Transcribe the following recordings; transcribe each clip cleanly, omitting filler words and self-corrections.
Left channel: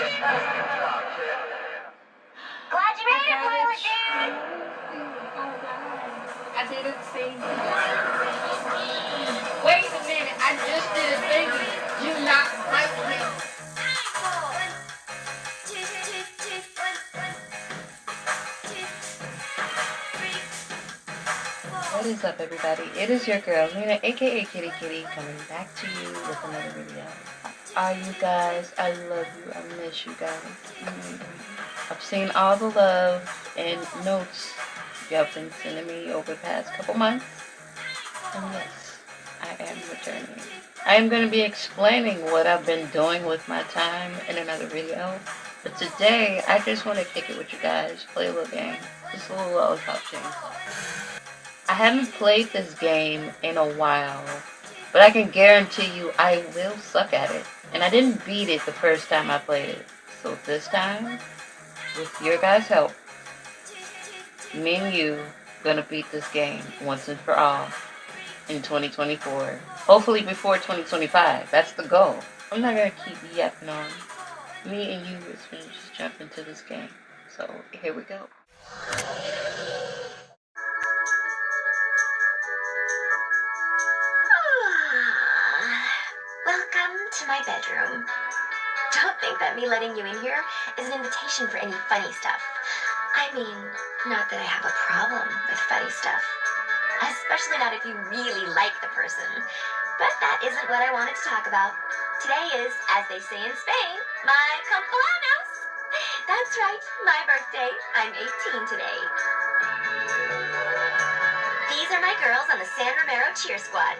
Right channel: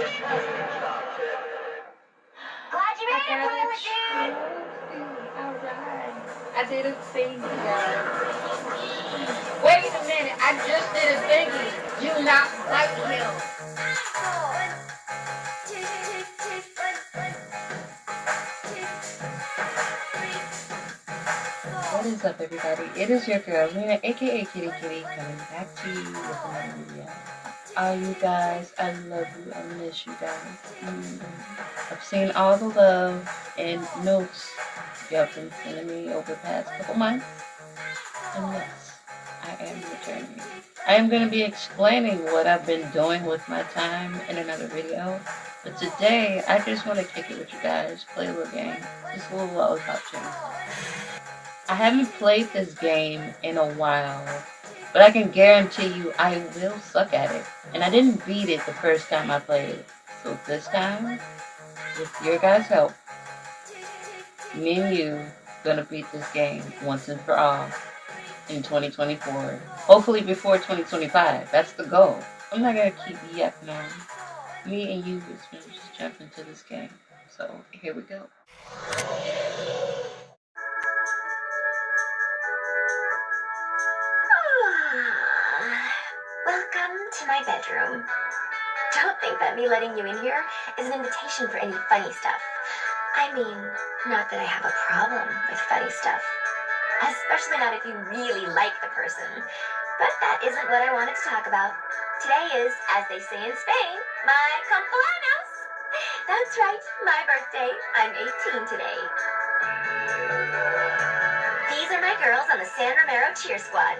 Glad you made it, Lily. Alright. I did a thing, guys. Wait a minute, I just did a thingy. Do not fight him. What is up, everybody? It is your girl, Lena, aka Kitty Kitty, coming back to you with another video. Are you guys? I love you. I miss you guys. I've seen all the love and notes you have been sending me over the past couple months. And yes, I am returning. I am going to be explaining what I've been doing with my time in another video. But today, I just want to kick it with you guys, play a little game. Just a little LOLLIPOP Chainsaw. I haven't played this game in a while, but I can guarantee you I will suck at it. And I didn't beat it the first time I played it. So this time, with your guys' help, me and you gonna beat this game once and for all in 2024. Hopefully before 2025. That's the goal. I'm not gonna keep yapping on. Me and you is gonna just jump into this game. So here we go. Welcome to my bedroom. Don't think that me letting you in here is an invitation for any funny stuff. I mean, not that I have a problem with funny stuff. Especially not if you really like the person. But that isn't what I wanted to talk about. Today is, as they say in Spain, my cumpleaños. That's right, my birthday. I'm 18 today. These are my girls on the San Romero cheer squad.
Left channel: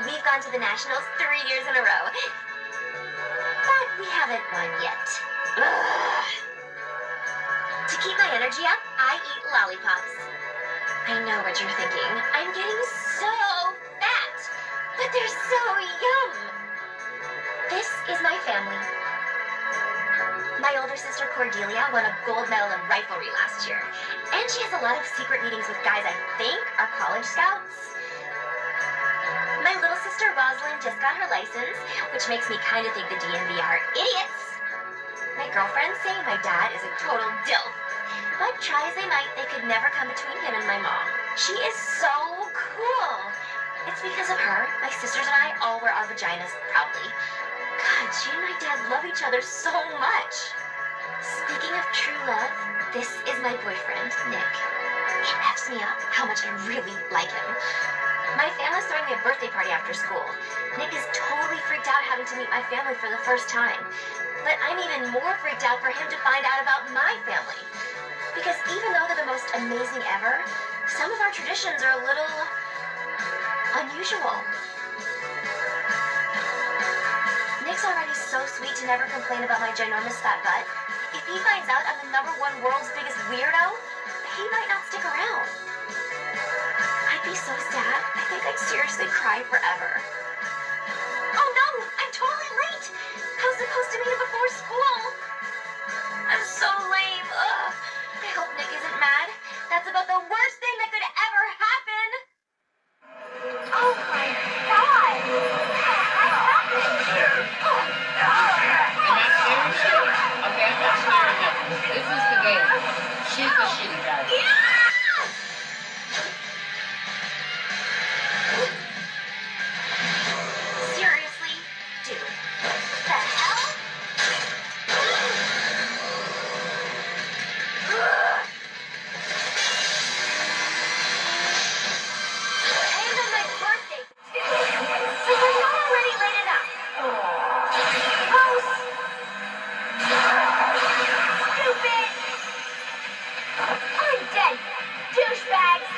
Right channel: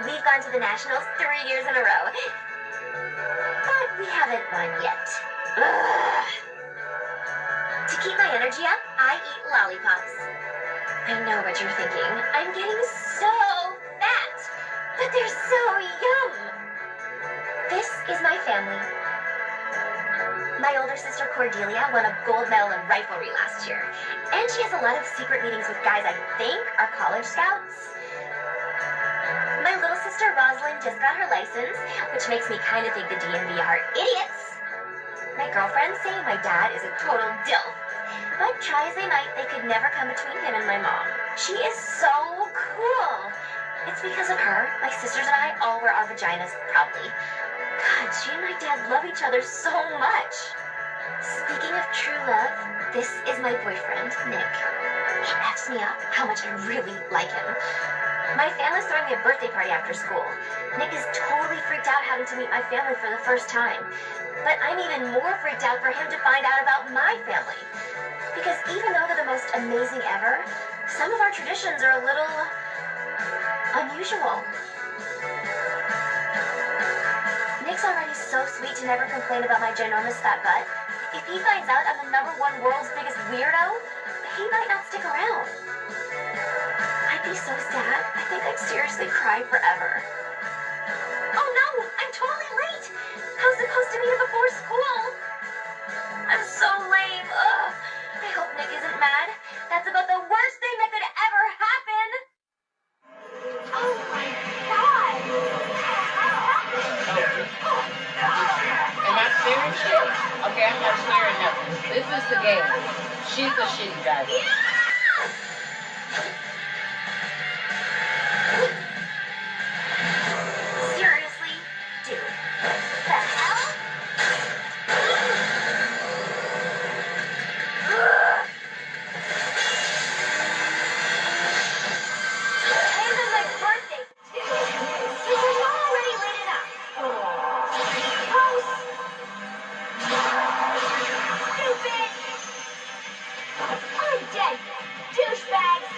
We've gone to the Nationals 3 years in a row. But we haven't won yet. Ugh. To keep my energy up, I eat lollipops. I know what you're thinking. I'm getting so fat. But they're so yum. This is my family. My older sister Cordelia won a gold medal in riflery last year. And she has a lot of secret meetings with guys I think are college scouts. My little sister Rosalind just got her license, which makes me kind of think the DMV are idiots. My girlfriends say my dad is a total dilf, but try as they might, they could never come between him and my mom. She is so cool. It's because of her, my sisters and I all wear our vaginas proudly. God, she and my dad love each other so much. Speaking of true love, this is my boyfriend, Nick. He F's me up how much I really like him. My family's throwing me a birthday party after school. Nick is totally freaked out having to meet my family for the first time. But I'm even more freaked out for him to find out about my family. Because even though they're the most amazing ever, some of our traditions are a little unusual. Nick's already so sweet to never complain about my ginormous fat butt. If he finds out I'm the #1 world's biggest weirdo, he might not stick around. I'd be so sad. I think I'd seriously cry forever. Oh no, I'm totally late. I was supposed to be here before school. I'm so lame. Ugh. I hope Nick isn't mad. That's about the worst thing that could ever happen. Oh my God. Am I staring shit? Okay, I'm not staring nothing. This is the game. She's a shitty driver. Seriously? Dude. The hell? And on my birthday, too. So you're not already late enough. Gross. Stupid. I'm dead. Douchebags.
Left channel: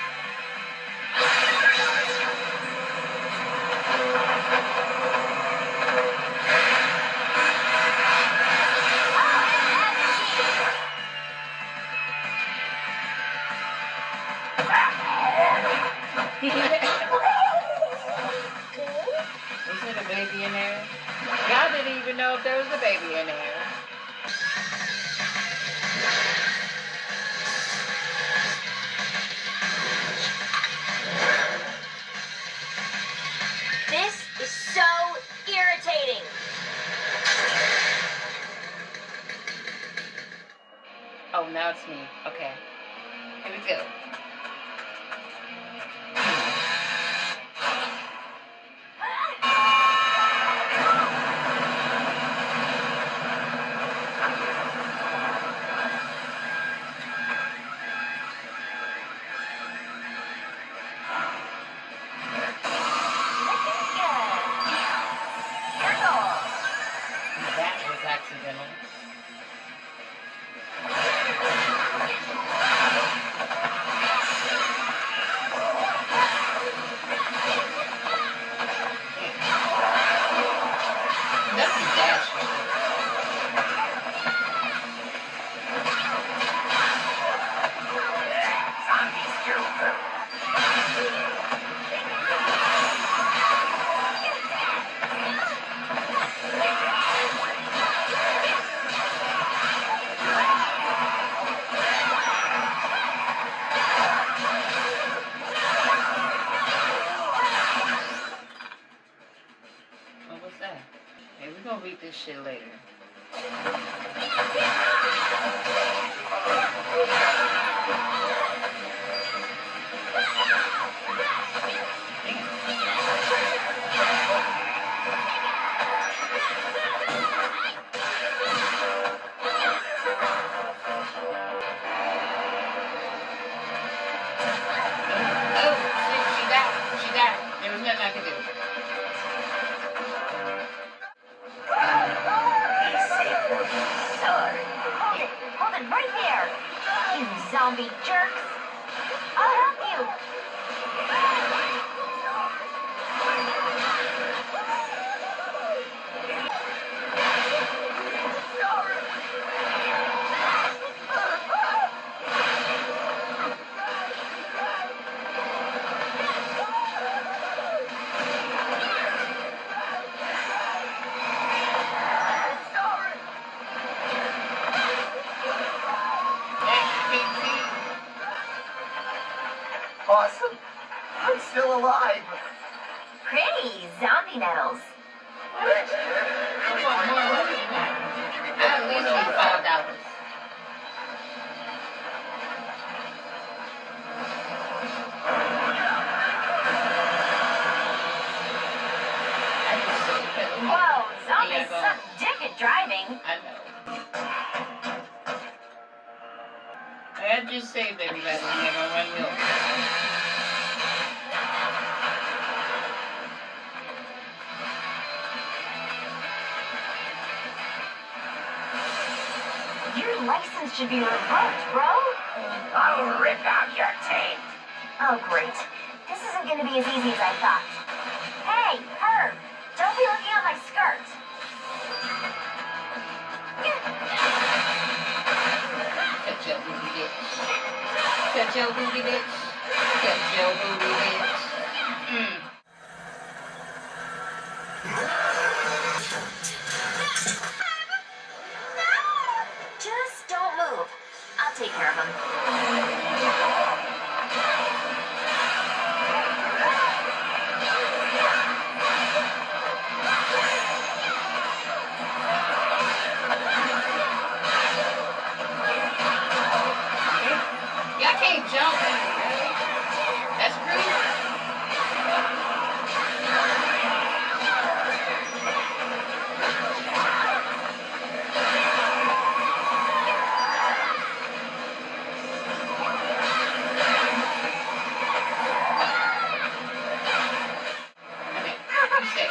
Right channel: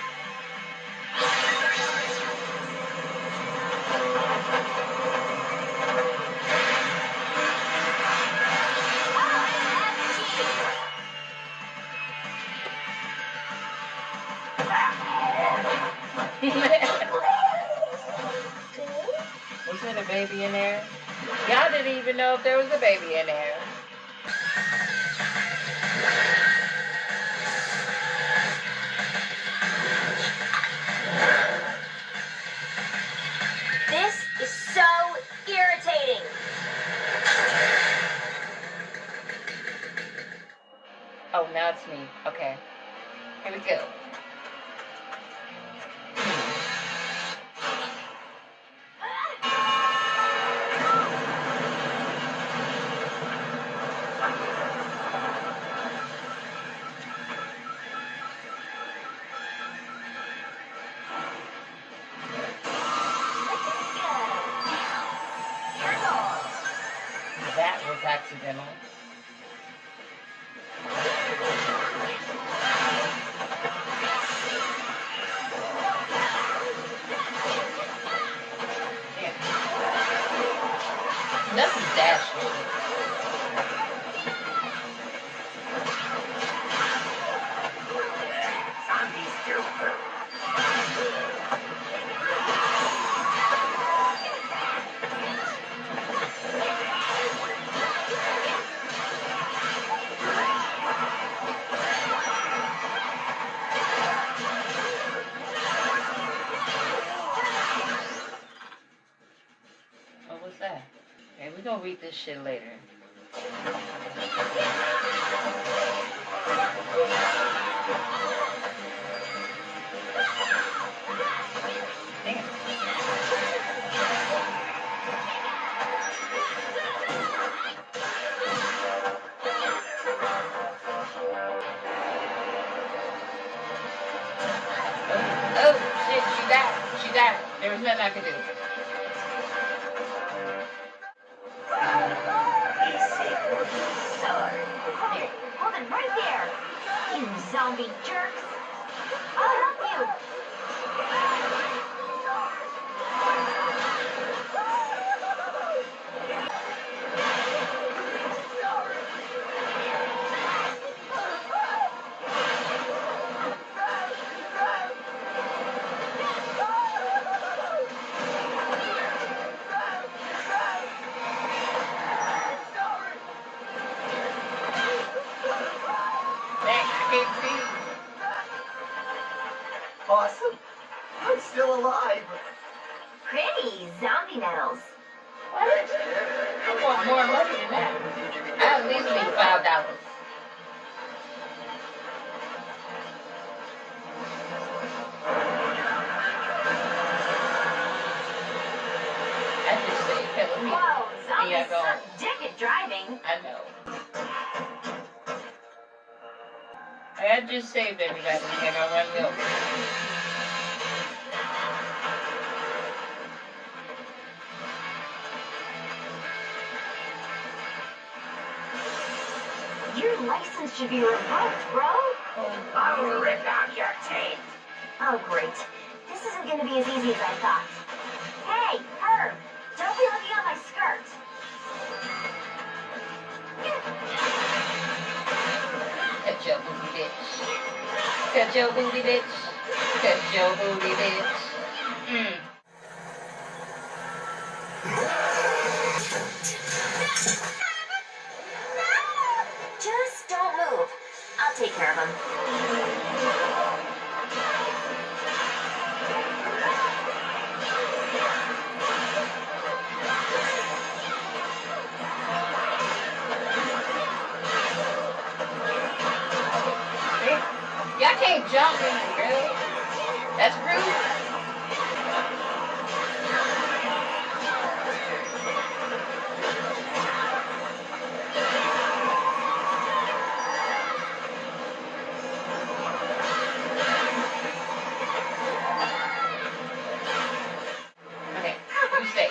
Was there a baby in there? Y'all didn't even know if there was a baby in there. This is so irritating. Oh, now it's me. Okay. Here we go. That was accidental. Yeah. Nothing dashing. What was that? Okay, we're gonna read this shit later. Damn. Oh, shit, she died. She died. There was nothing I could do. Here, hold it right there. You zombie jerks. I'll help you. Awesome. I'm still alive. Pretty zombie nettles. What? I want more money than that. I at least need $5. I just said, killing me. Whoa, zombies Yeah, go. suck dick at driving. I know. I just saved everybody. You're gonna run me over. Your license should be revoked, bro. I'll rip out your tape. Oh, great. This isn't going to be as easy as I thought. Hey, Herb, don't be looking at my skirt. Cut your booty, bitch. Cut your booty, bitch. Cut your booty, bitch. Just don't move. I'll take care of him. Y'all can't jump in it, really. That's rude. Okay, you stay.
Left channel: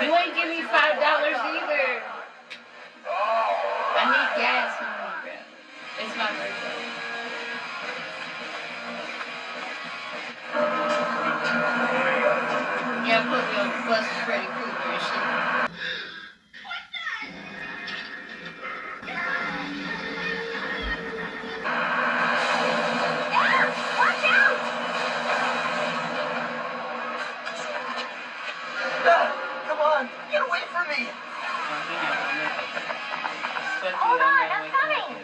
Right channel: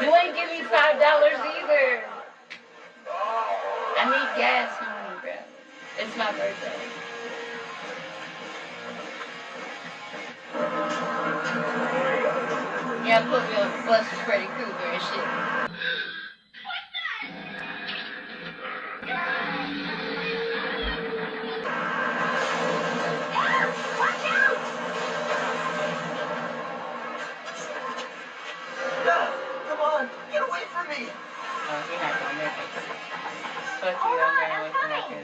You ain't give me $5 either. I need gas money, bro. It's my birthday. Yeah, put me on the bus with Freddy Krueger and shit. Watch out! Come on, get away from me. No, you're not gonna make it. Fuck you, I'm gonna wait for that too.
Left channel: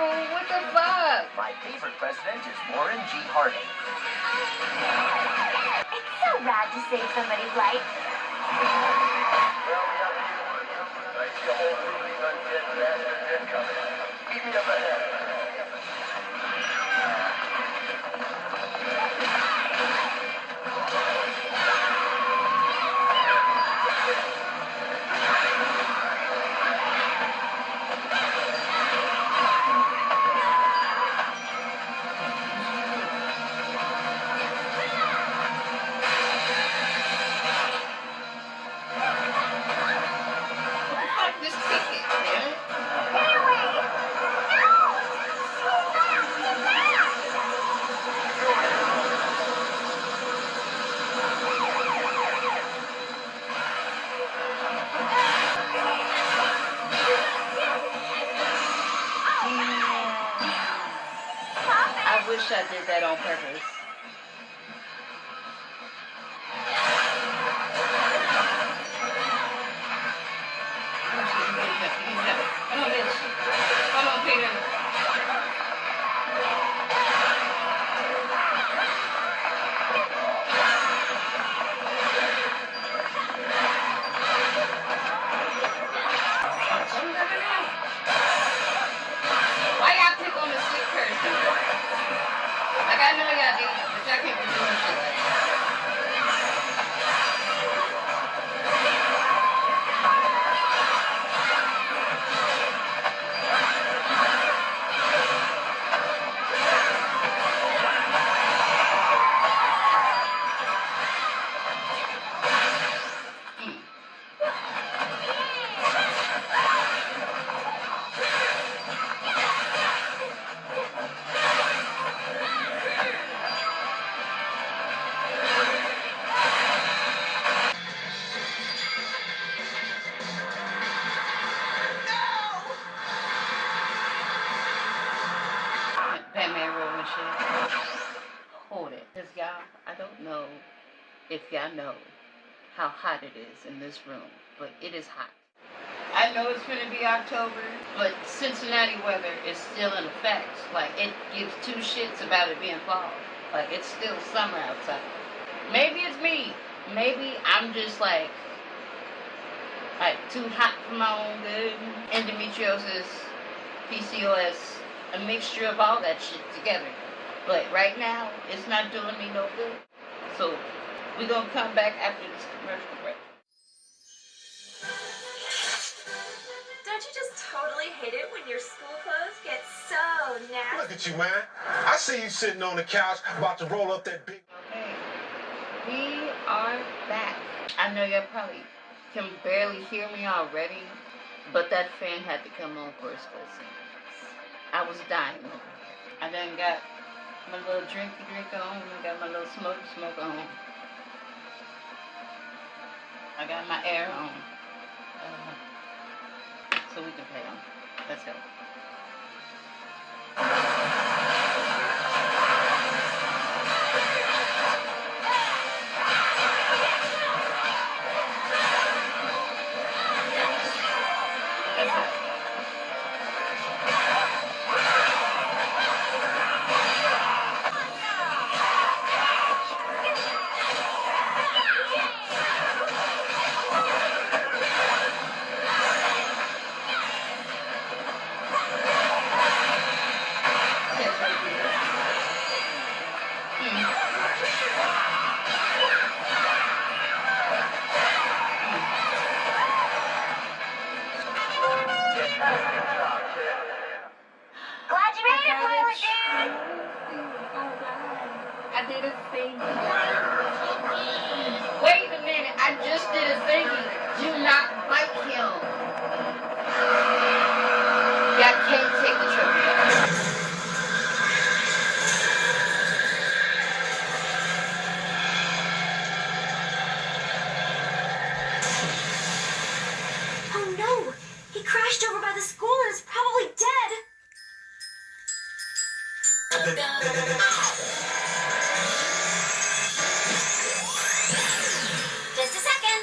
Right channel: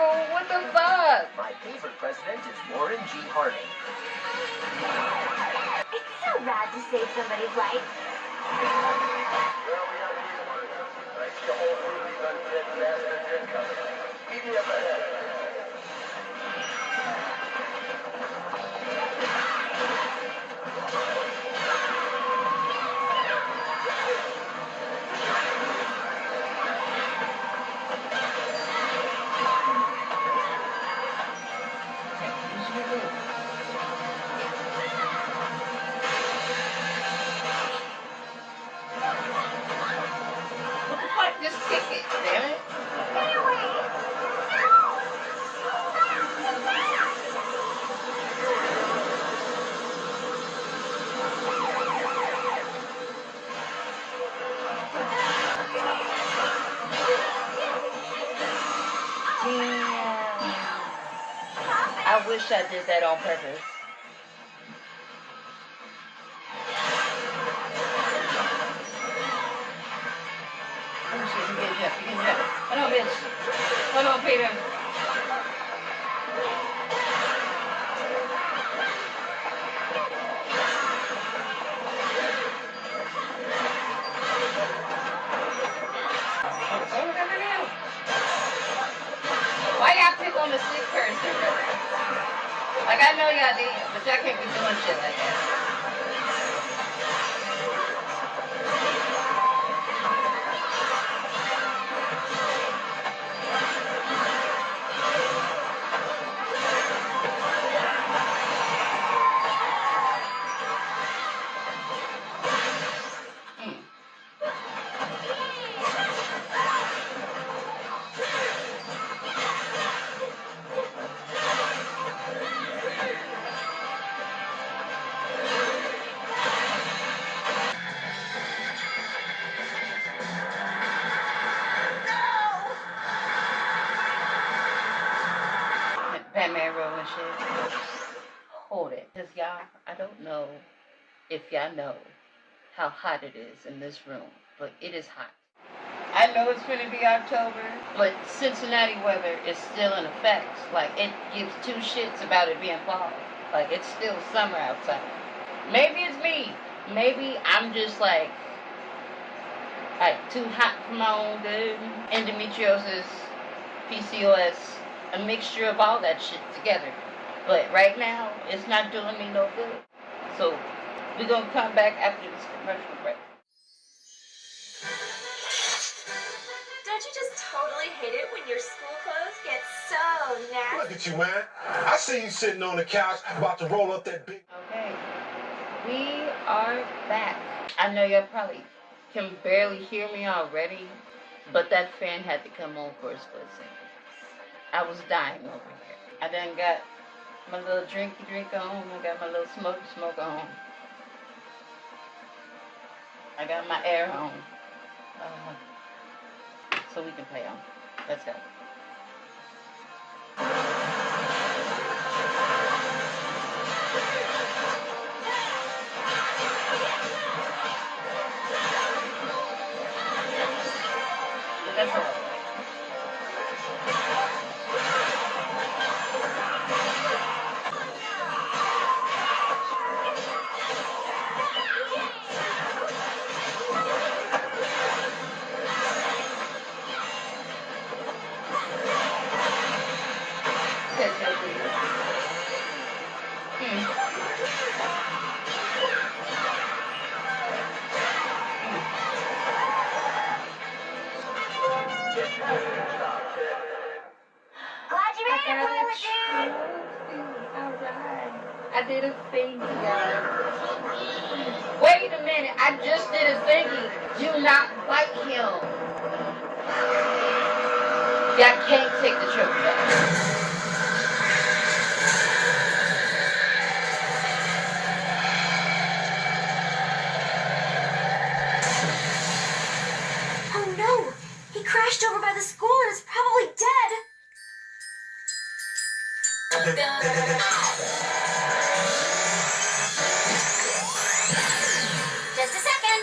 fool. What the fuck? My favorite president is Warren G. Harding. It's so rad to save somebody's life. Just kick it, damn it. I wish I did that on purpose. Hold on, bitch. Hold on, Peter. Why y'all pick on the sick person? Like, I know y'all did, but y'all can't be doing shit like that. Batman roll and shit. Hold it. Because y'all, I don't know if y'all know how hot it is in this room, but it is hot. I know it's gonna be October, but Cincinnati weather is still in effect. Like, it gives two shits about it being fall. Like, it's still summer outside. Maybe it's me. Maybe I'm just like too hot for my own good. Endometriosis, PCOS, a mixture of all that shit together. But right now, it's not doing me no good. So, we're gonna come back after this commercial break. Don't you just totally hate it when your school clothes get so nasty? Look at you, man. I see you sitting on the couch about to roll up that big... Okay, we are back. I know y'all probably can barely hear me already, but that fan had to come on for a split second. I was dying over here. I done got my little drinky drink on. I got my little smoky smoke on. I got my air on. So we can play on. Let's go. Let's go. Glad you made it, Toilet Dude! I did a thingy, guys. Wait a minute, I just did a thingy. Do not bite him. Y'all can't take the trophy back. Oh no! He crashed over by the school and is probably dead! Just a second!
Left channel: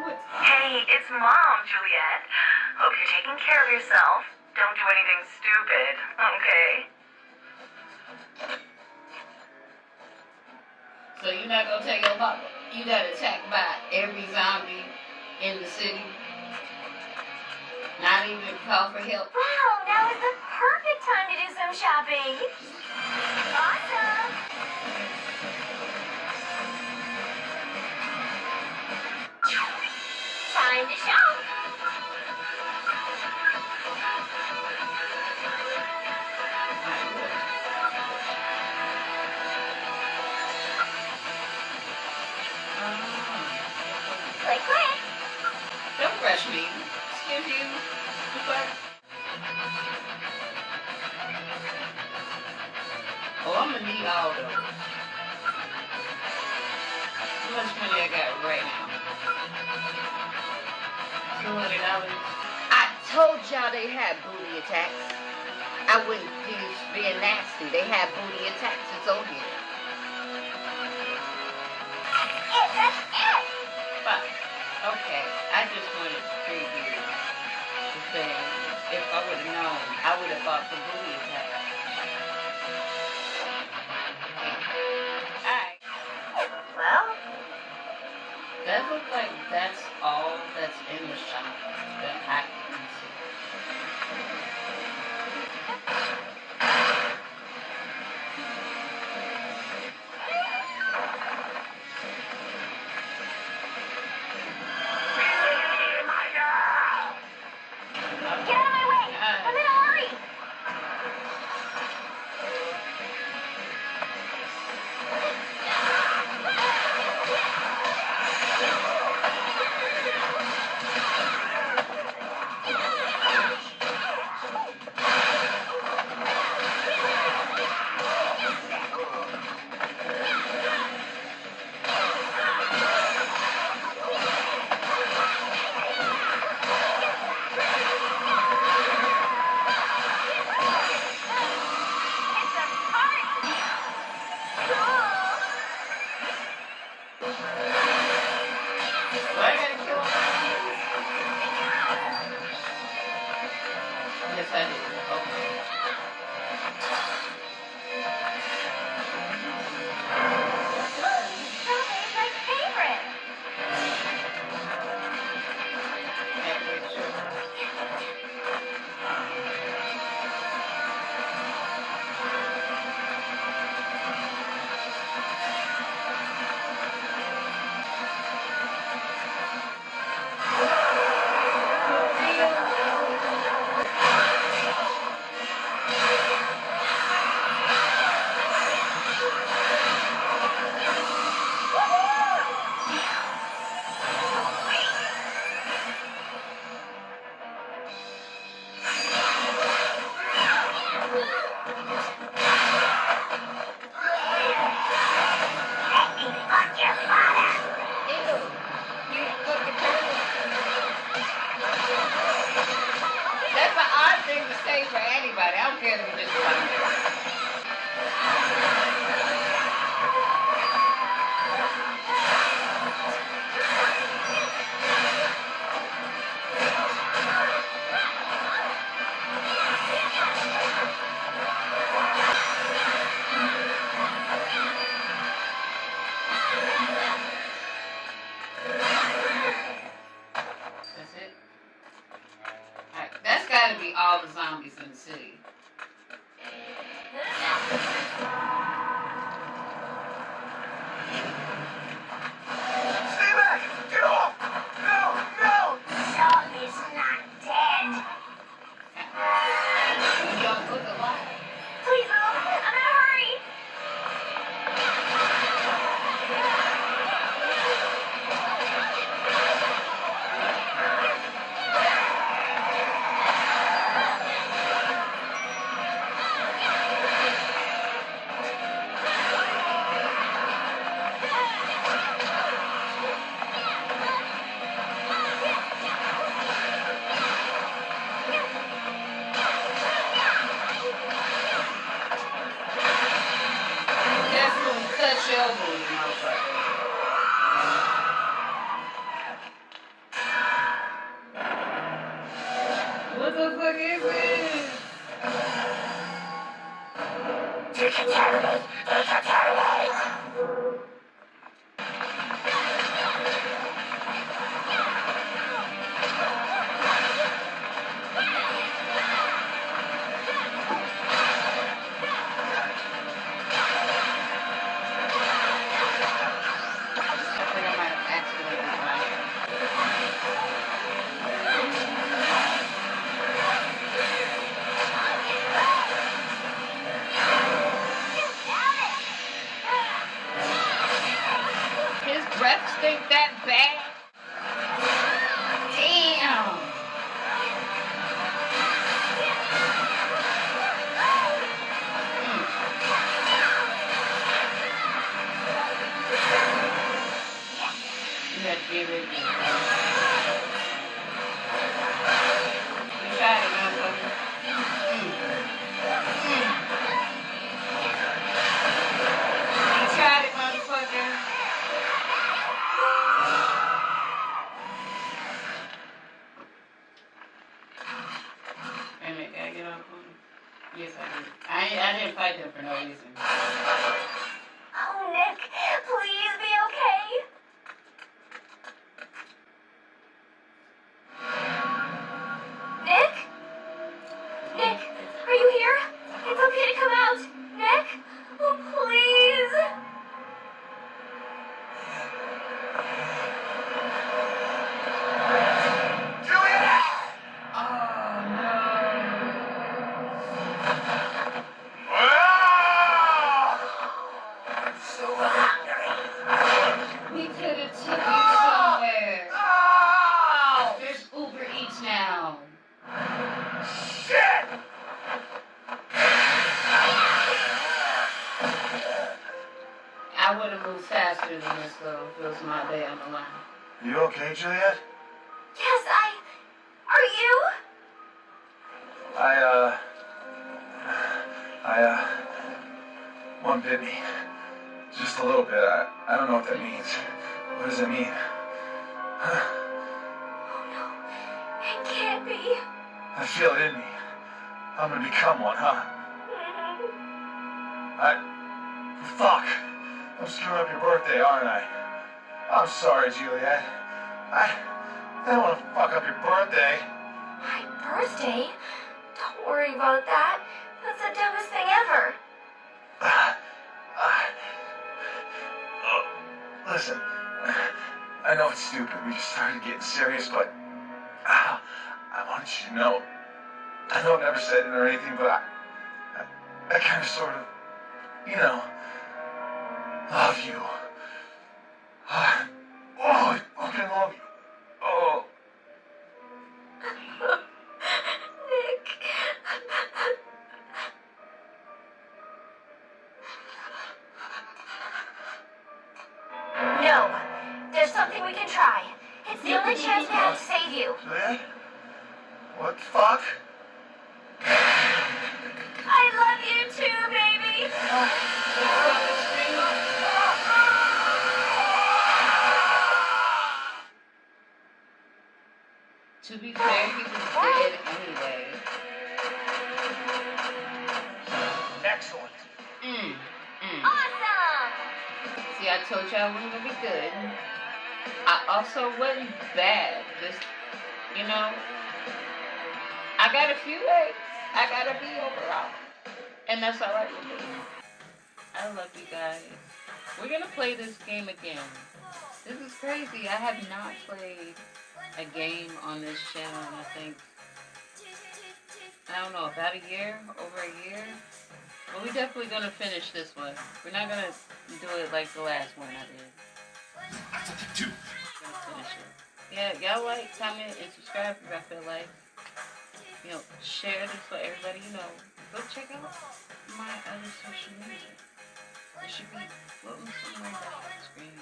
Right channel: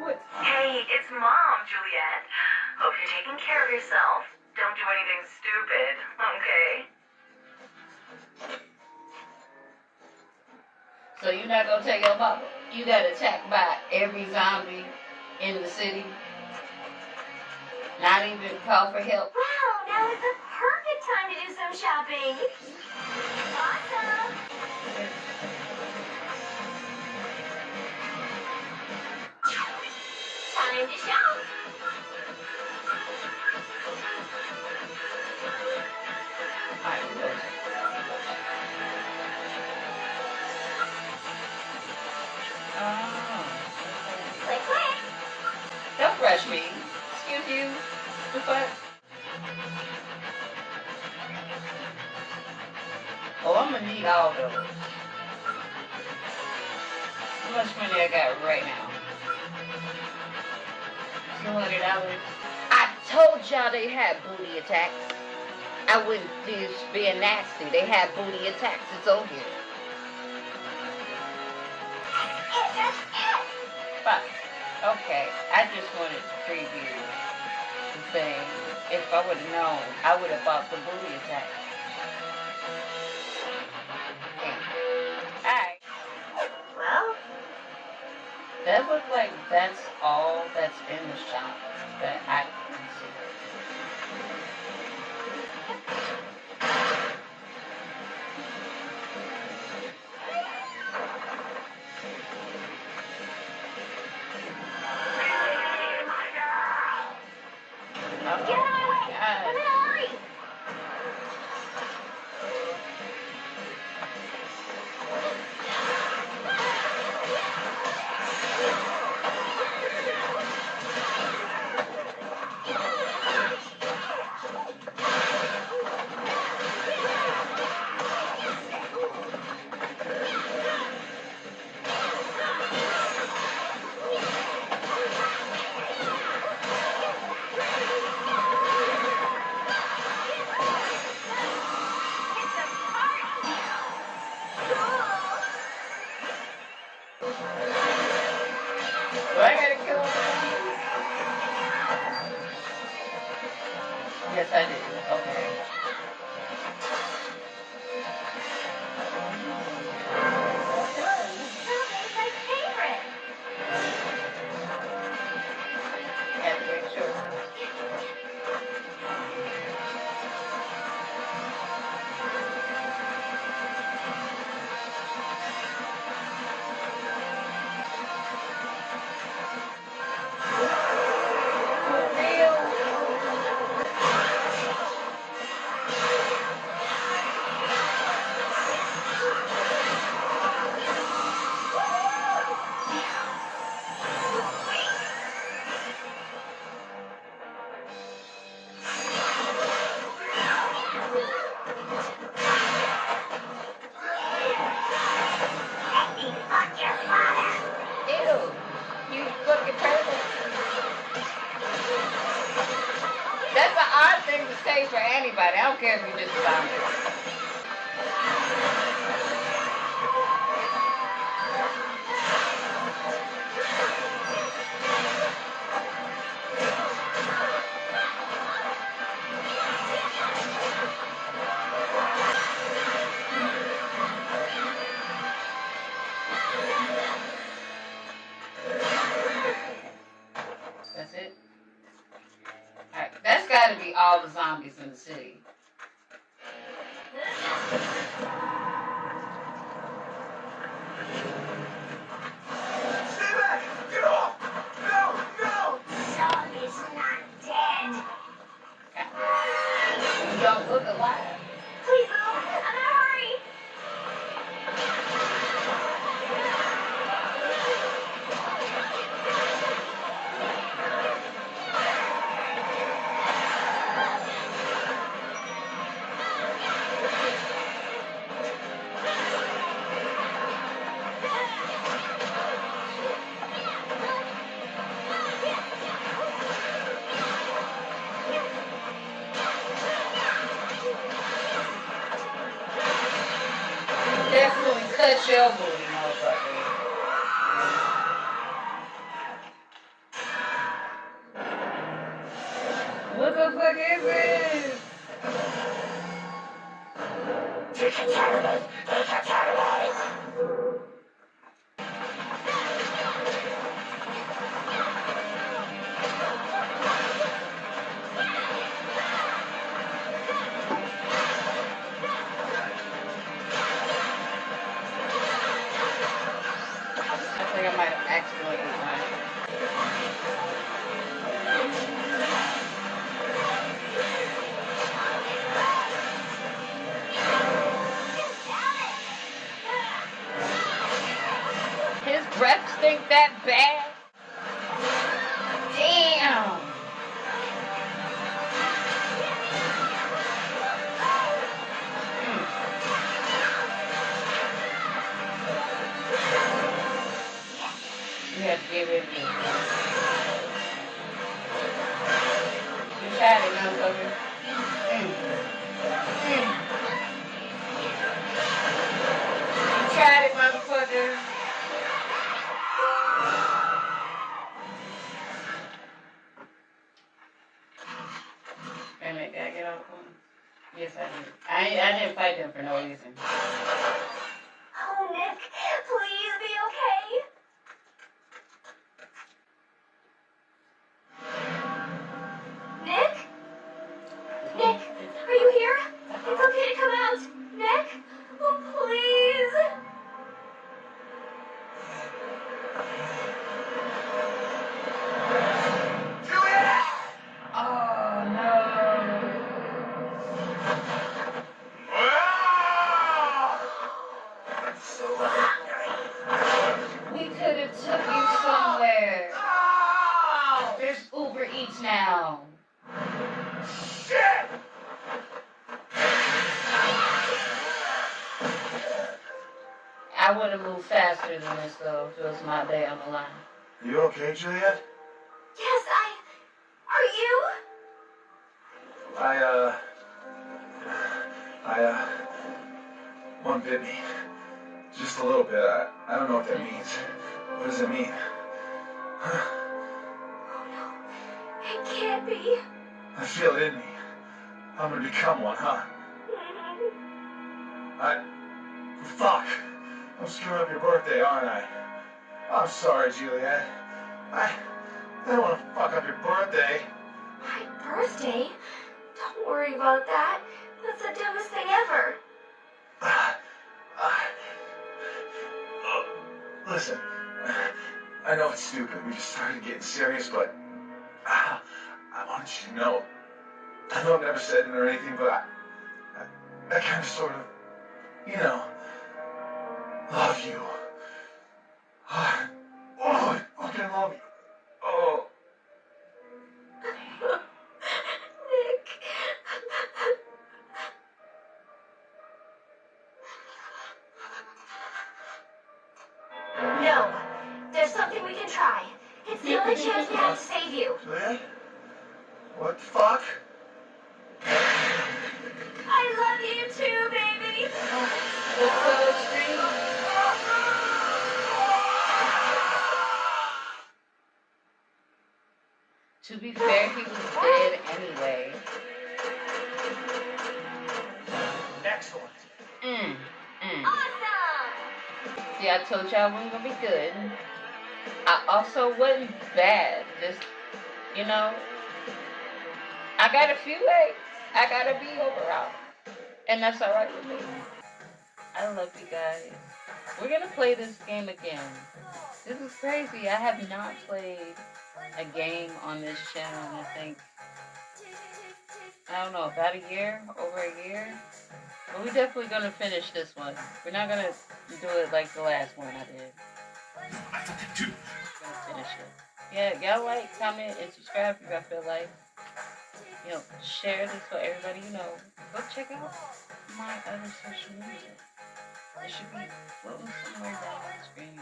What? Hey, it's Mom. Juliet. Hope you're taking care of yourself. Don't do anything stupid, okay? So you're not gonna tell your mama you got attacked by every zombie in the city? Not even call for help? Wow, now is the perfect time to do some shopping. Awesome. Time to shop. Click, click. Don't rush me. Excuse you. The fuck? Oh, I'm gonna need all those. How much money I got right now? $200. I told y'all they had booty attacks. I wouldn't just being nasty. They had booty attacks. It's on here. It's a hit. But, okay. I just wanted to preview the thing. If I would have known, I would have bought the booty attack. Alright. Well, That looks like that's all that's in the shop that I can see. get out of my way. I'm in a hurry. Do I gotta kill all the zombies? Yes, I did. Okay. It's my favorite. Had to make sure. For real? Ew. You fucking turtle. That's an odd thing to say for anybody. I don't care if you're just a zombie. That's it? Alright, that's gotta be all the zombies in the city. Stay back! Get off! No! No! Zombie's not dead. You don't look alive. Please move. I'm in a hurry. give it. I think I might have accidentally won. His breath stink that bad? Damn! You had to get rid of it. You tried it, motherfucker. You tried it, motherfucker. Wait a minute, did I get on the phone? Yes, I did. I didn't fight them for no reason. Oh, Nick, please be okay. Nick? Nick, are you here? It's okay to come out. Nick? Oh, please. Juliet! Oh, no. I'm so hungry. We could have took you somewhere. Oh! There's Uber Eats now. Shit! I would have moved faster than this, though, if it was my day on the line. Are you okay, Juliet? Yes, Are you? One bit me. Just a little bit. I don't know what that means. What does it mean? Oh, no. It can't be. I feel it in me. I'm gonna become one, huh? Fuck. I'm screwing up your birthday, aren't I? I'm sorry, Juliet. I don't want to fuck up your birthday. My birthday? Don't worry about that. That's the dumbest thing ever. Listen, I know it's stupid. We just started getting serious, but I want you to know. I know I've never said it or anything, but I kind of sort of, love you. Oh, I fucking love you. Oh. Nick. No. There's something we can try. It's the only chance we have to save you. Juliet? What the fuck? I love you too, baby. It's so extreme. To be fair, he was dead anyway. Excellent. Awesome. See, I told you I wasn't gonna be good. I also wasn't bad. Just, I got a few A's. I got a B overall. And that's alright with me. I love you guys. We're gonna play this game again. This is crazy. I have not played a game on this channel in, I think, I don't know, about a year, over a year. But we're definitely gonna finish this one. We're not gonna do it like the last one I did. We're gonna finish it. Yeah, y'all like, comment, and subscribe if y'all feel like. Share this so everybody go check out my other social media. It should be floating somewhere down on the screen.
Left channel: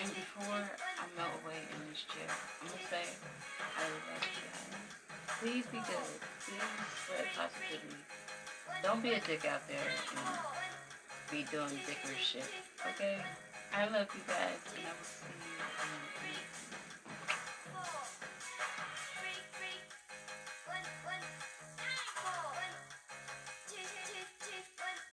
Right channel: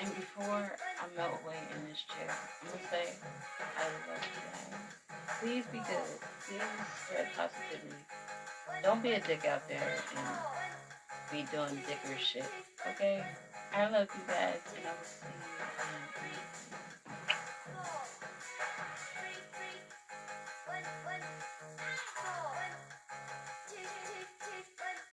And before I melt away in this chair, I'm gonna say I love you guys. Please be good. Please spread positivity. Don't be a dick out there and be doing dickerish shit. Okay? I love you guys, and I will see you in the next video.